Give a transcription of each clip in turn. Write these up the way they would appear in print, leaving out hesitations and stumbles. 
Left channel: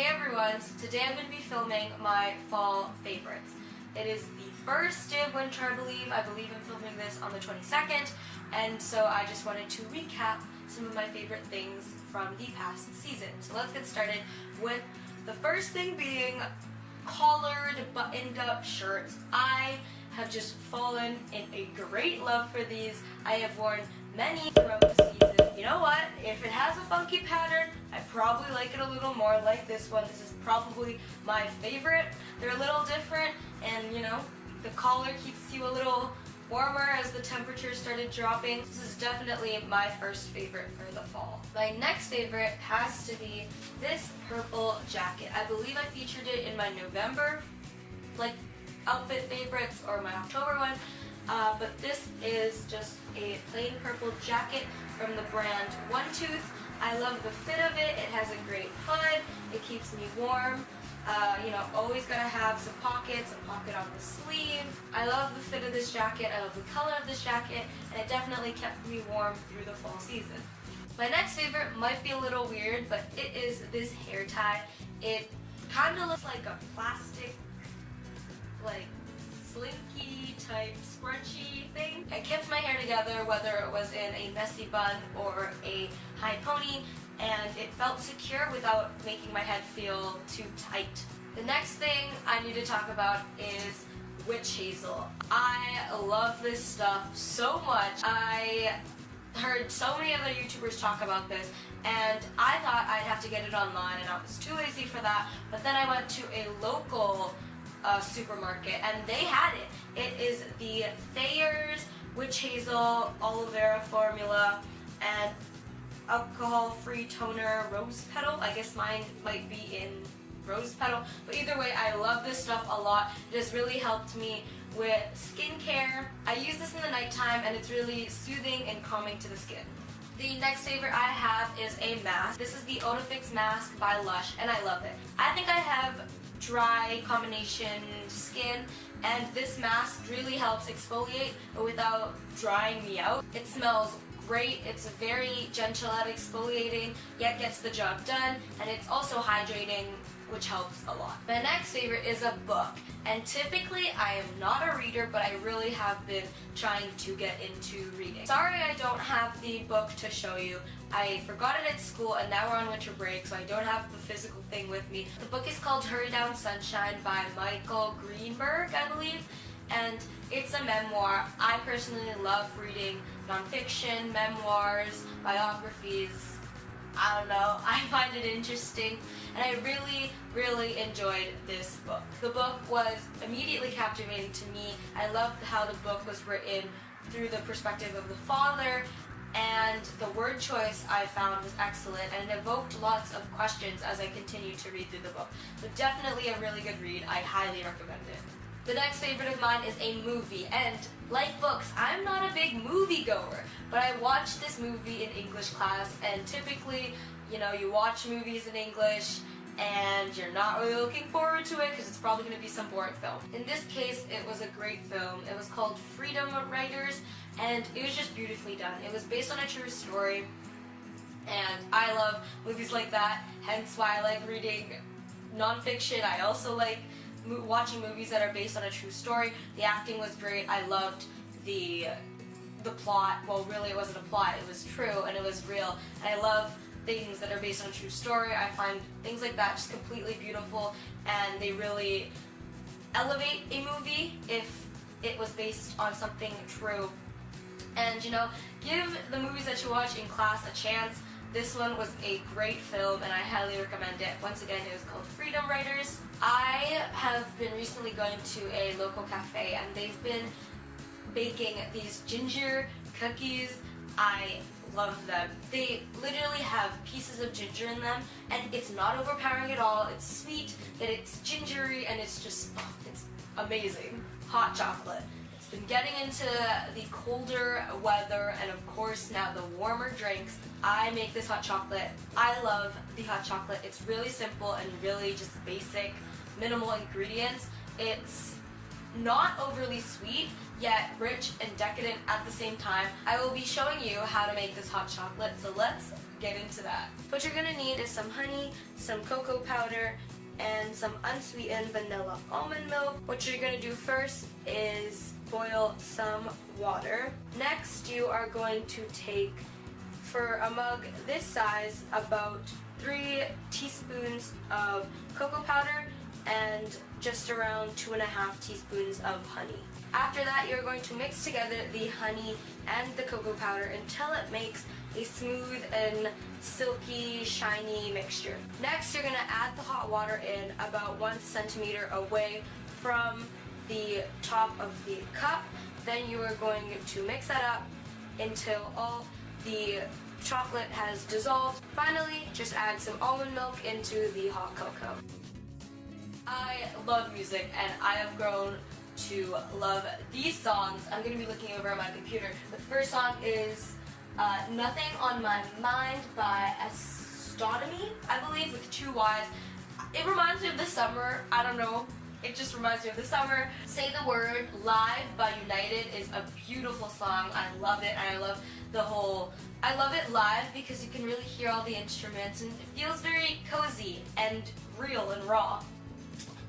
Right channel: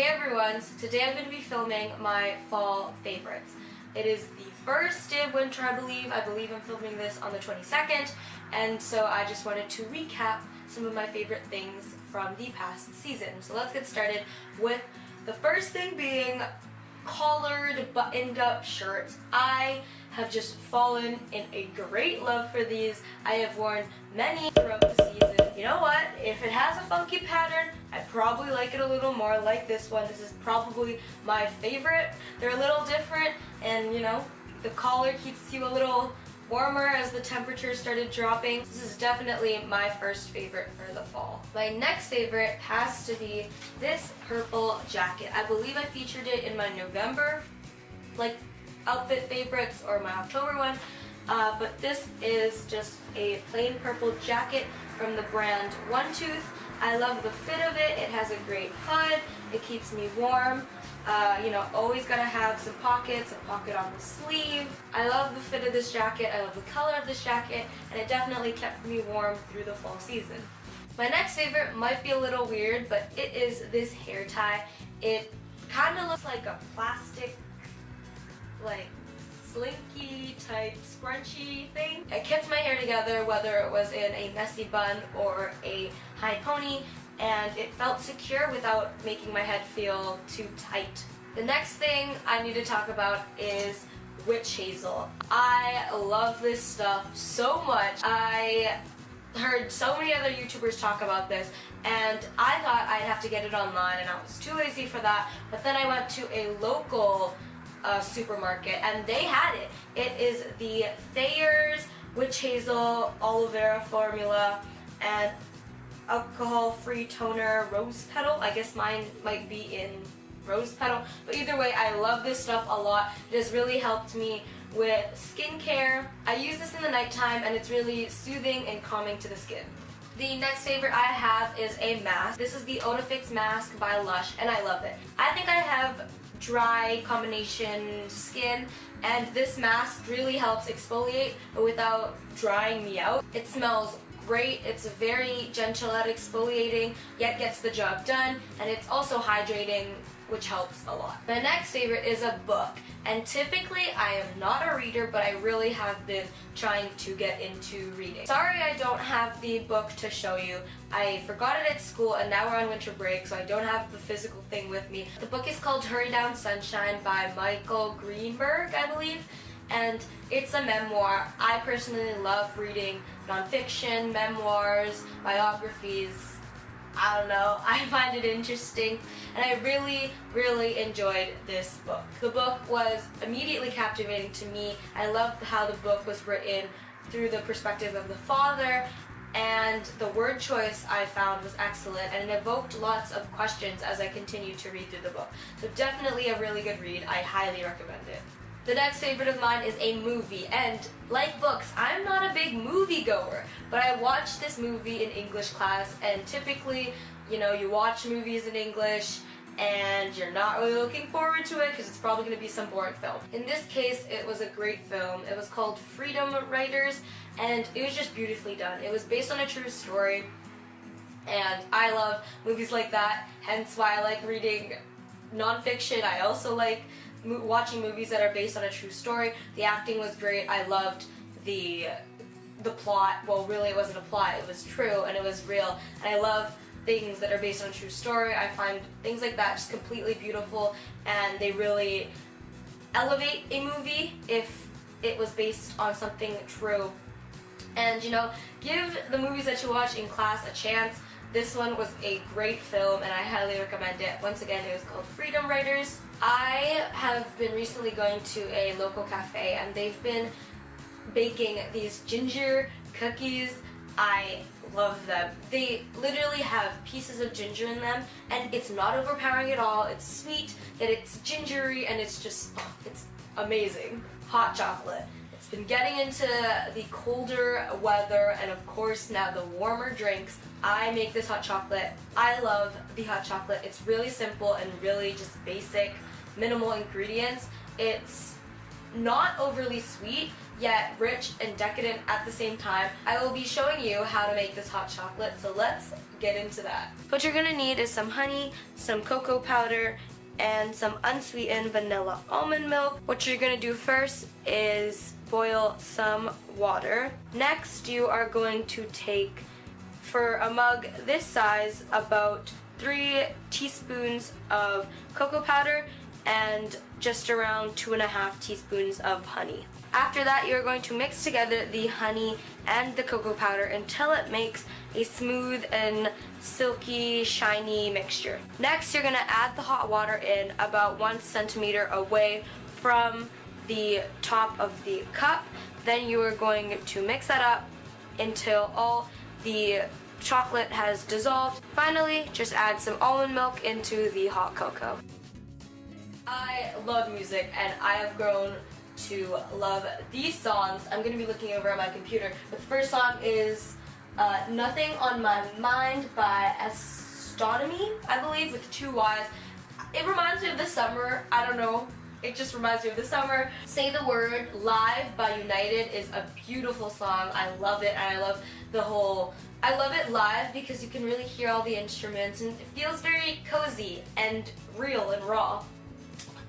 Hey everyone, so today I'm going to be filming my fall favorites. It is the first day of winter, I believe. I believe I'm filming this on the 22nd, and so I just wanted to recap some of my favorite things from the past season. So let's get started with the first thing being collared, buttoned up shirts. I have just fallen in a great love for these. I have worn many throughout the season. You know what? If it has a funky pattern, I probably like it a little more, like this one. This is probably my favorite. They're a little different, and you know, the collar keeps you a little warmer as the temperature started dropping. This is definitely my first favorite for the fall. My next favorite has to be this purple jacket. I believe I featured it in my November outfit favorites or my October one, but this is just a plain purple jacket from the brand One Tooth. I love the fit of it. It has a great hood. It keeps me warm. You know, always gotta have some pockets, a pocket on the sleeve. I love the fit of this jacket. I love the color of this jacket, and it definitely kept me warm through the fall season. My next favorite might be a little weird, but it is this hair tie. It kind of looks like a plastic, slinky type scrunchy thing. It kept my hair together whether it was in a messy bun or a high pony, and it felt secure without making my head feel too tight. The next thing I need to talk about is witch hazel. I love this stuff so much. I heard so many other YouTubers talk about this, and I thought I'd have to get it online, and I was too lazy for that, but then I went to a local supermarket and they had it. It is the Thayers Witch Hazel Aloe Vera formula and alcohol-free toner rose petal. I guess mine might be in rose petal, but either way, I love this stuff a lot. It has really helped me with skincare. I use this in the nighttime and it's really soothing and calming to the skin. The next favorite I have is a mask. This is the Oatifix mask by LUSH, and I love it. I think I have dry combination skin, and this mask really helps exfoliate without drying me out. It smells great. It's very gentle at exfoliating, yet gets the job done, and it's also hydrating, which helps a lot. My next favorite is a book, and typically I am not a reader, but I really have been trying to get into reading. Sorry I don't have the book to show you. I forgot it at school, and now we're on winter break, so I don't have the physical thing with me. The book is called Hurry Down Sunshine by Greenberg, I believe, and it's a memoir. I personally love reading nonfiction, memoirs, biographies. I don't know, I find it interesting, and I really enjoyed this book. The book was immediately captivating to me. I loved how the book was written through the perspective of the father, and the word choice I found was excellent, and it evoked lots of questions as I continued to read through the book. So definitely a really good read. I highly recommend it. The next favorite of mine is a movie, and like books, I'm not a big movie goer, but I watched this movie in English class, and typically, you know, you watch movies in English and you're not really looking forward to it because it's probably going to be some boring film. In this case, it was a great film. It was called Freedom Writers, and it was just beautifully done. It was based on a true story, and I love movies like that, hence why I like reading nonfiction. I also like watching movies that are based on a true story. The acting was great. I loved the plot. Well, really it wasn't a plot, it was true and it was real, and I love things that are based on a true story. I find things like that just completely beautiful, and they really elevate a movie if it was based on something true. And you know, give the movies that you watch in class a chance. This one was a great film, and I highly recommend it. Once again, it was called Freedom Writers. I have been recently going to a local cafe, and they've been baking these ginger cookies. I love them. They literally have pieces of ginger in them, and it's not overpowering at all. It's sweet, that it's gingery, and it's just, it's amazing. Hot chocolate. Been getting into the colder weather, and of course now the warmer drinks. I make this hot chocolate. I love the hot chocolate. It's really simple and really just basic, minimal ingredients. It's not overly sweet, yet rich and decadent at the same time. I will be showing you how to make this hot chocolate, so let's get into that. What you're gonna need is some honey, some cocoa powder, and some unsweetened vanilla almond milk. What you're gonna do first is boil some water. Next, you are going to take, for a mug this size, about 3 teaspoons of cocoa powder and just around 2.5 teaspoons of honey. After that, you're going to mix together the honey and the cocoa powder until it makes a smooth and silky, shiny mixture. Next, you're gonna add the hot water in about 1 centimeter away from the top of the cup. Then you are going to mix that up until all the chocolate has dissolved. Finally, just add some almond milk into the hot cocoa. I love music, and I have grown to love these songs. I'm going to be looking over at my computer. The first song is Nothing on My Mind by Astonomyy, I believe, with 2 Y's. It reminds me of the summer. I don't know. It just reminds me of the summer. Say the Word Live by United is a beautiful song. I love it, and I love it live because you can really hear all the instruments, and it feels very cozy and real and raw.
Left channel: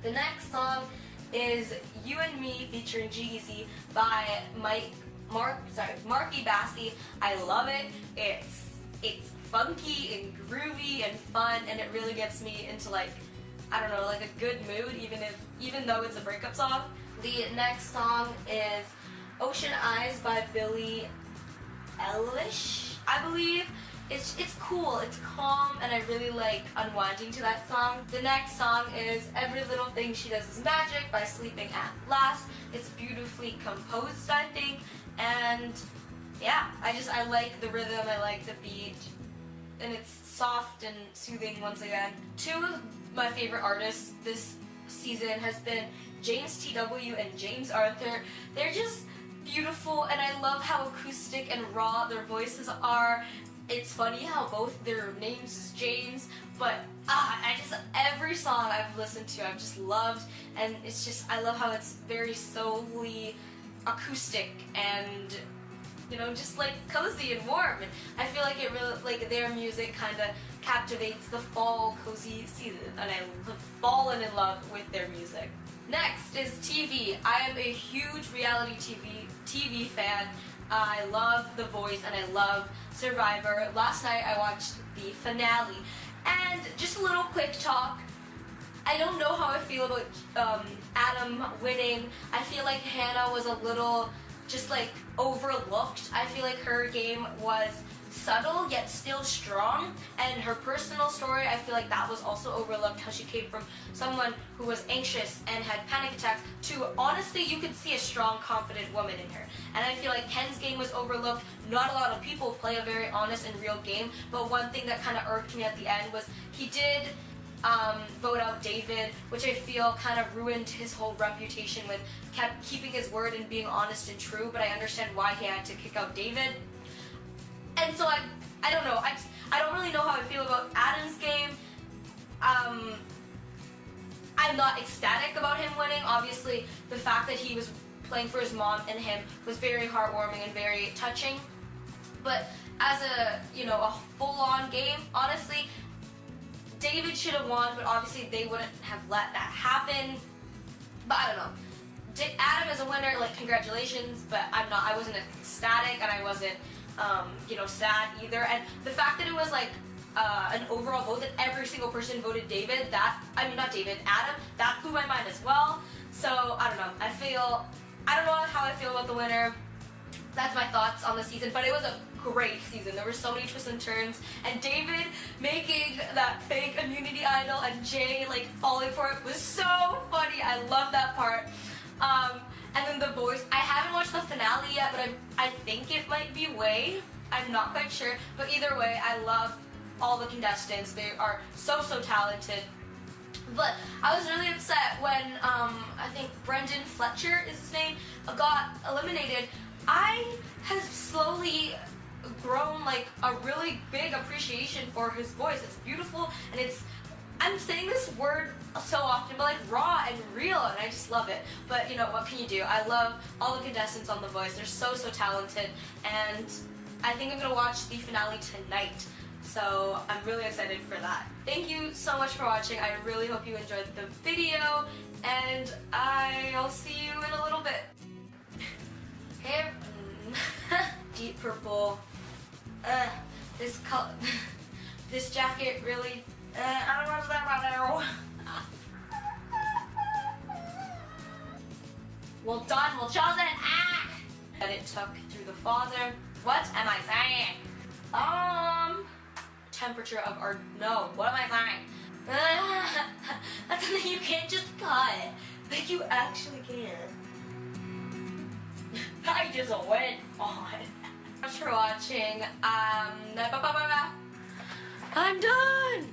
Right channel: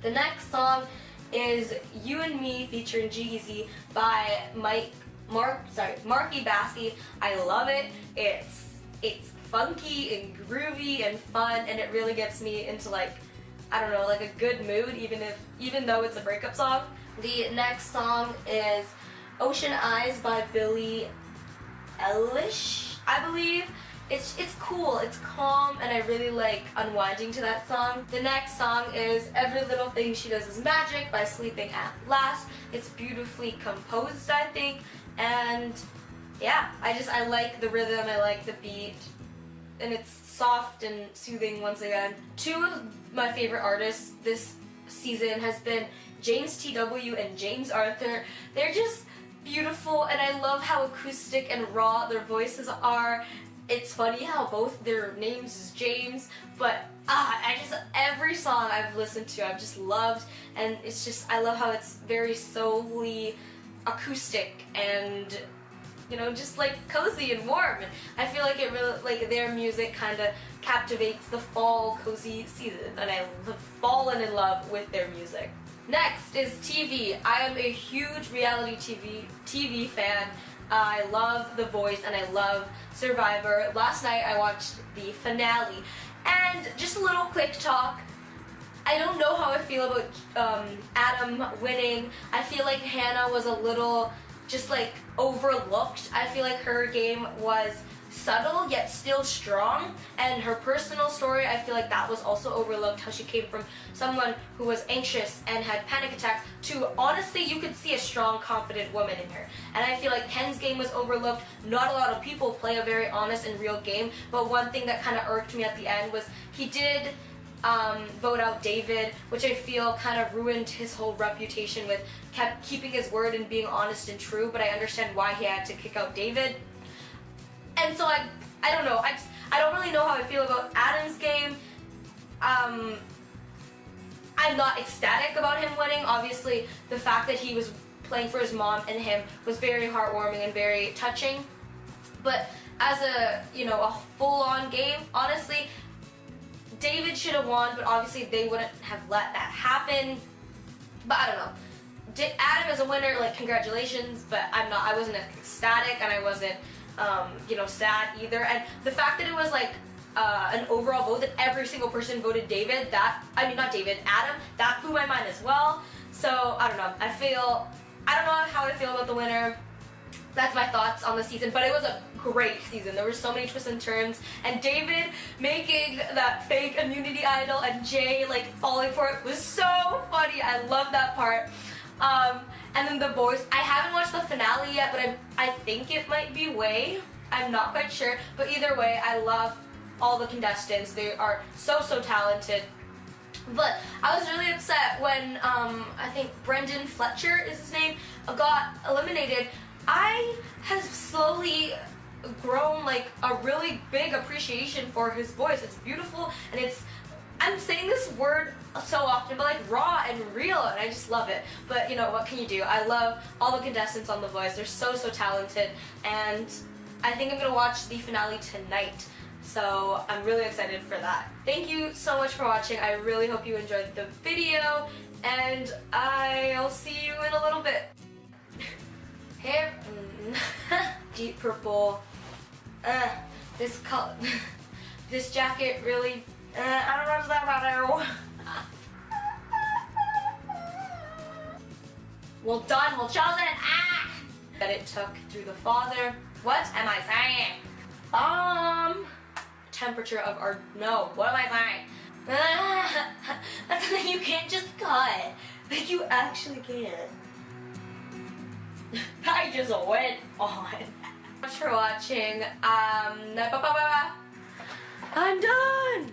The next song is You and Me featuring G-Eazy by Marc Bassy. I love it. It's funky and groovy and fun, and it really gets me into, like, I don't know, like a good mood, even though it's a breakup song. The next song is Ocean Eyes by Billie, Eilish, I believe. It's cool, it's calm, and I really like unwinding to that song. The next song is Every Little Thing She Does Is Magic by Sleeping at Last. It's beautifully composed, I think, and yeah, I like the rhythm, I like the beat, and it's soft and soothing once again. 2 of my favorite artists this season has been James T.W. and James Arthur. They're just beautiful, and I love how acoustic and raw their voices are. It's funny how both their names is James, but every song I've listened to I've just loved, and it's just, I love how it's very soulfully acoustic and, you know, just like cozy and warm. And I feel like it really, like, their music kind of captivates the fall cozy season, and I've fallen in love with their music. Next is TV. I am a huge reality TV fan. I love The Voice and I love Survivor. Last night I watched the finale, and just a little quick talk. I don't know how I feel about Adam winning. I feel like Hannah was a little just like overlooked. I feel like her game was subtle yet still strong, and her personal story, I feel like that was also overlooked, how she came from someone who was anxious and had panic attacks to, honestly, you could see a strong, confident woman in her. And I feel like Ken's game was overlooked. Not a lot of people play a very honest and real game, but one thing that kind of irked me at the end was he did vote out David, which I feel kind of ruined his whole reputation with keeping his word and being honest and true, but I understand why he had to kick out David. And so I don't know, I don't really know how I feel about Adam's game. I'm not ecstatic about him winning. Obviously, the fact that he was playing for his mom and him was very heartwarming and very touching. But as a full-on game, honestly, David should have won, but obviously they wouldn't have let that happen. But I don't know. Adam is a winner, like, congratulations, but I wasn't ecstatic, and I wasn't sad either. And the fact that it was like an overall vote that every single person voted David, Adam, that blew my mind as well. So I don't know. I don't know how I feel about the winner. That's my thoughts on the season, but it was a great season. There were so many twists and turns, and David making that fake immunity idol and Jay like falling for it was so funny. I love that part. And then The Voice. I haven't watched the finale yet, but I think it might be Way. I'm not quite sure, but either way, I love all the contestants. They are so talented. But I was really upset when I think Brendan Fletcher is his name, got eliminated. I have slowly grown like a really big appreciation for his voice. It's beautiful, and I'm saying this word so often, but like raw and real, and I just love it. But you know, what can you do? I love all the contestants on The Voice. They're so talented, and I think I'm gonna watch the finale tonight. So I'm really excited for that. Thank you so much for watching. I really hope you enjoyed the video, and I'll see you in a little bit. Hey, deep purple. This color, this jacket really, I don't know what's that about. Well done, well chosen. That it took through the father. What am I saying? Temperature of our, no, what am I saying? That's something you can't just cut. Like, you actually can't. I just went on. Thanks for watching. I'm done.